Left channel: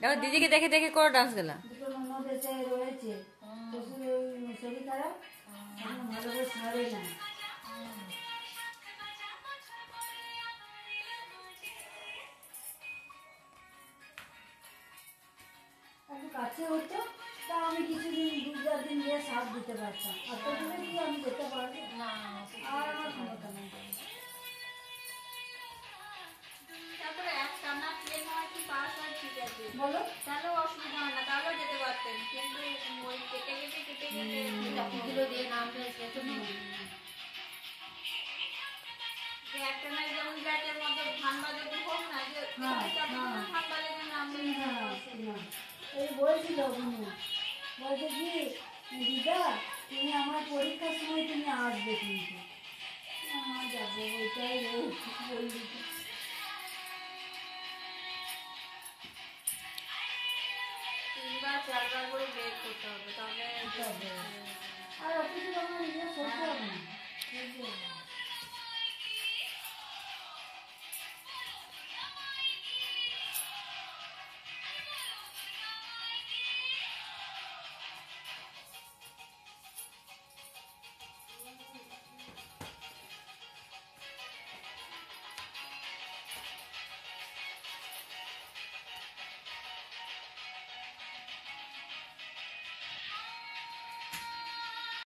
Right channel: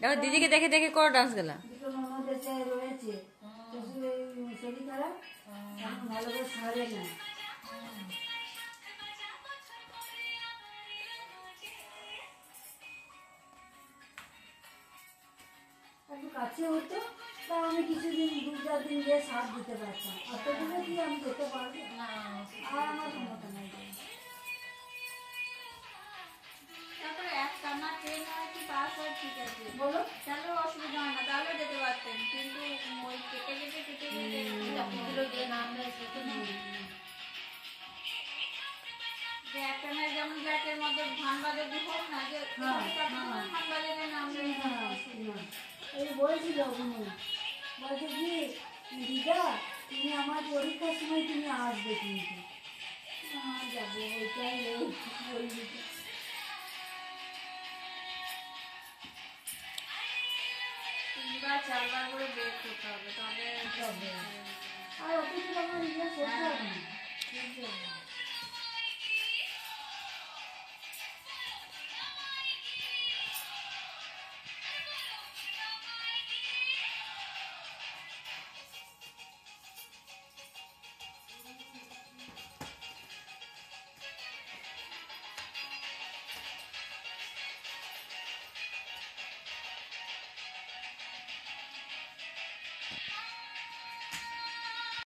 দেখো দিদিকে দেখে দেখে করো ডান্স গেলা। দুটো ননদ এসে রয়েছে, শ্বশুরের শরীর খারাপ, এখন ভালো করে ছাড়ে না। একটু কাছে হতো, তা আমি কিছুদিন 2-4 দিন গিয়ে সাপ দিতে পারতাম। অত দূরে কি আমি যেতে পারবো? আর আমার ক্ষমতা নেই। বলো, তাহলে অসুবিধা হয় না, তাহলে যেতে পারতেন, কিন্তু ওই কেটে কেটে কেটে কেটে চাকুগুলো দিয়ে নামলে একটা না, যেমন ব্যাটের মধ্যে ঠান্ডা যদি হোক না, যে ঠান্ডা লেগে নামলে এই বলছিল বলছে কি দিদা তুমি আমার পরীক্ষার সময় তুমি আসবে, কিন্তু যাবো ওইটাই বলবি। 3-4 বার করে ব্রেক করতে হবে, তবে আর অফিসে তখন করতে হবে না।